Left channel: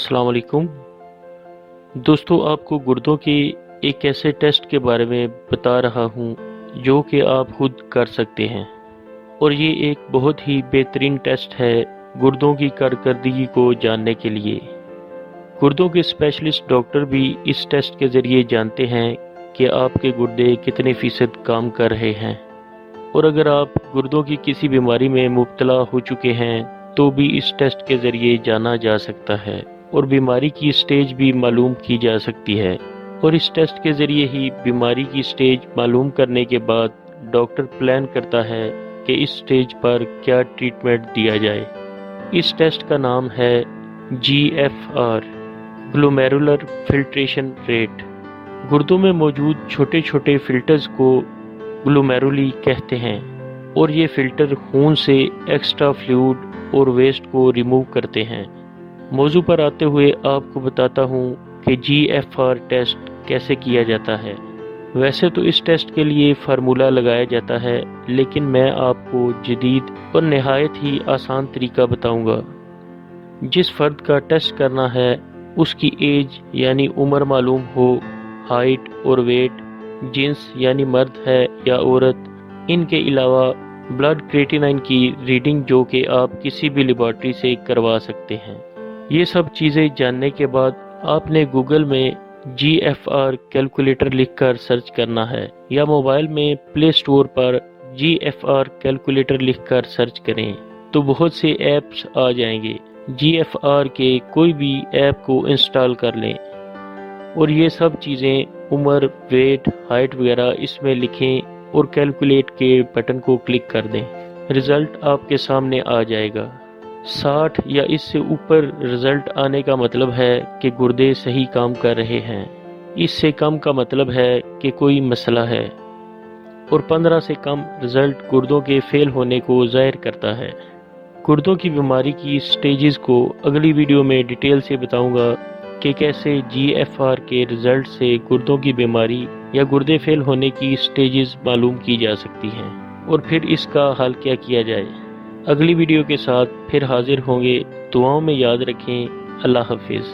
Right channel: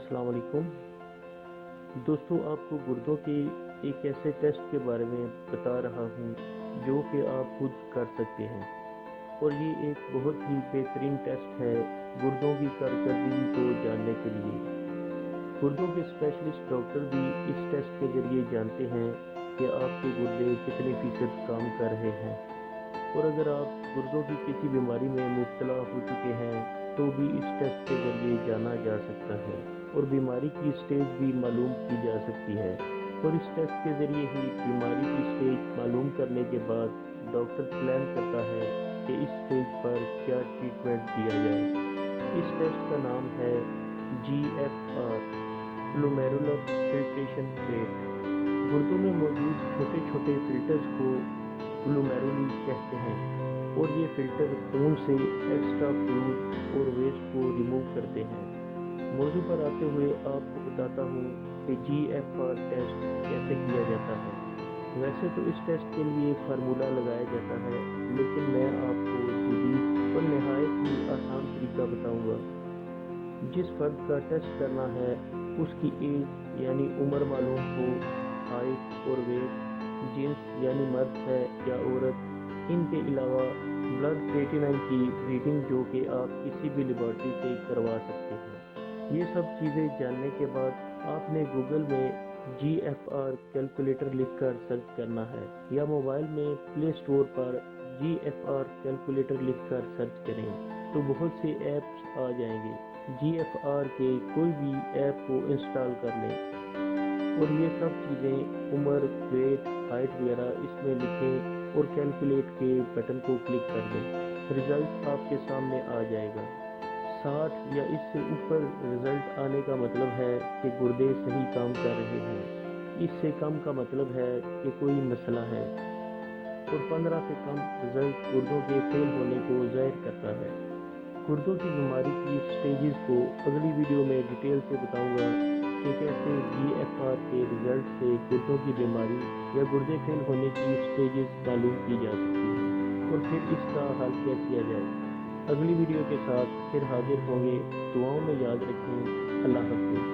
अस्सलाम वालेकुम दोस्तों, आपको गुर्दों के एक ऐसे टेस्ट के बारे में बता रहा हूँ जो कि आप खुद कर सकते हैं। और ये एक बहुत ही बेहतरीन टेस्ट है गुर्दों की कारकर्दगी को जानने के लिए। गुर्दों के स्पेशलिस्ट डॉक्टर भी इस टेस्ट के ज़रिए जानते हैं कि आपके गुर्दे कितने फ़ीसद काम कर रहे हैं। और अगर आप गुर्दों की किसी बीमारी में मुब्तला हो चुके हैं तो भी इस टेस्ट के ज़रिए जाना जा सकता है और बीमारी की स्टेज भी मालूम की जा सकती है। और इस टेस्ट के ज़रिए ही बीमारी की स्टेज मालूम करने के बाद डॉक्टर प्लान करता है कि इस स्टेज पर क्या ट्रीटमेंट दिया जाए। इस टेस्ट का नाम है GFR, ग्लोमेरुलर फिल्ट्रेशन रेट। गुर्दों में मौजूद छोटे छोटे फिल्टर्स को ग्लोमेरुली कहते हैं और ये फिल्टर खून से एक्स्ट्रा फ्लूइड और वेस्ट को रिमूव करते हैं। मौजू पर आते हुए आपको बताता हूँ कि GFR टेस्ट कैसे किया जाता है। वैसे तो इस टेस्ट के लिए फार्मूला लगाया जाता है, लेकिन मैं आपको जदीद और नहायत ही आसान तरीका बताऊंगा। जिस फर्द का टेस्ट करना है उसकी एज यानी उम्र मालूम हो, हाइट और वेट, जिन्स यानी मर्द है या औरत, इनके अलावा ब्लड क्रिएटिनिन की रीडिंग जो कि आप किसी भी लेबॉरेटरी से करवा सकते हैं। ये सब चीज़ें जानने के बाद आपने गूगल में GFR कैलकुलेटर लिखकर सर्च करना है या मोबाइल में प्ले स्टोर पर GFR कैलकुलेटर लिखकर सर्च करें तो बहुत से ऐप्स आ जाएंगे। GFR के कोई भी ऐप को इंस्टॉल कर लें और ये सब चीज़ें उम्र, वेट, हाइट वगैरह इसमें लिखें और कैलकुलेट के बटन को क्लिक कर दें। रिज़ल्ट आपके सामने आ जाएगा। 60 या इससे ऊपर रिज़ल्ट आने का मतलब है कि गुर्दे सही काम कर रहे हैं। इससे कम का मतलब है कि कोई मसला है। और 15 से कम रिज़ल्ट गुर्दों के फेल होने को ज़ाहिर करता है। गुर्दों की बीमारी की स्टेजेस को अगली वीडियो में डिटेल से बताऊंगा कि कैसे GFR के रिज़ल्ट से गुर्दों की बीमारी या गुर्दे फेल होने की स्टेजेस मालूम की जा सकती हैं और फिर इसका हल क्या किया जाए। अगली वीडियो के साथ फिर हाजिर होंगे। दुआओं में याद रखें। अल्लाह हाफिज़।